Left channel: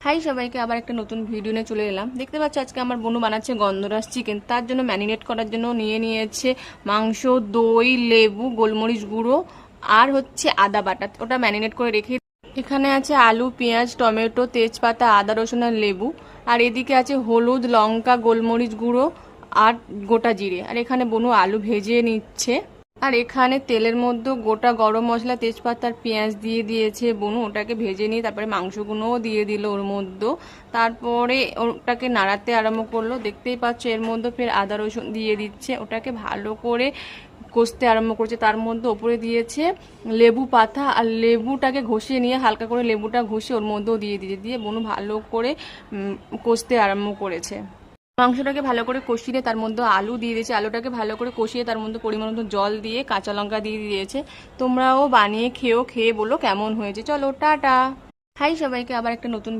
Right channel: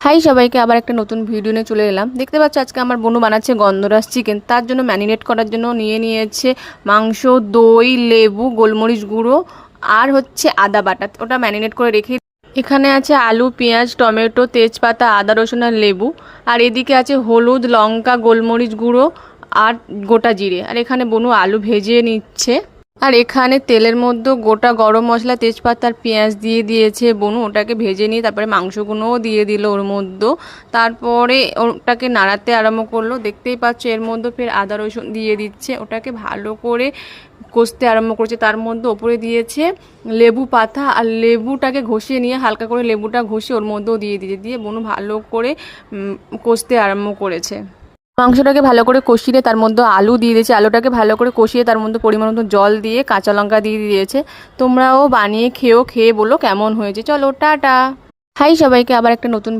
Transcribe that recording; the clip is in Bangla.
হাই সবাইকে, আবার একটা নতুন ভিডিও নিয়ে চলে এলাম। দেখতে পাচ্ছ আজকে আমার বোনু বানাচ্ছে গন্ধরাজ চিকেন। তার জন্য ম্যারিনেট করার জন্য নিয়েছে মাংস, দই, লেবু, গোলমরিচ গুঁড়ো আর হচ্ছে আদা বাটা। ওটা ম্যারিনেট করে রেখে এখানে আছে আলু, পেঁয়াজ, টমেটো, তেজপাতা, আদা, রসুন আর লেবু। আর এদিকে আছে হলুদ, লঙ্কা, গোলমরিচ গুঁড়ো আর গোটা জিরে। আর এখানে বোনু আলু ভেজে নিচ্ছে। আর এখানে তেলের মধ্যে গোটা গরম মশলা, তেজপাতা আর পেঁয়াজ দিয়ে দিয়েছে বনু। ওটাকে ভেজে নিয়ে তারপরে মাংসগুলোও দিয়ে দিল ওর মধ্যে। তারপরে ওটাকে নাড়াতে আরম্ভ করলো। দেখতেই পাচ্ছ এর মধ্যে ফের আদা রসুন দিয়ে দিচ্ছে। ওটাকে ভালো করে কষতে আরম্ভ করছে। তার মধ্যে ওপরে দিয়েছে লেবু পাতা, আর লেবুটাকে ঘষিয়ে নিয়ে হালকা করে লেবুটা ঘষে ওর মধ্যেও দিয়ে বনু ভালো করে কষতে আরম্ভ করেছে। মাংসটাকে ভালো করে কষিয়ে তার মধ্যে আলু দিয়ে দিয়েছে। আলুটাকে ভালো করে কষিয়ে তার মধ্যে পরিমাণ মতো জল দিয়ে কাঁচা লঙ্কা দিয়ে দিয়েছে। তোমরাও বানিয়ে খেয়ে বলো কেমন হয়েছে। চলো টাটা। হাই সবাইকে, আবার একটা নতুন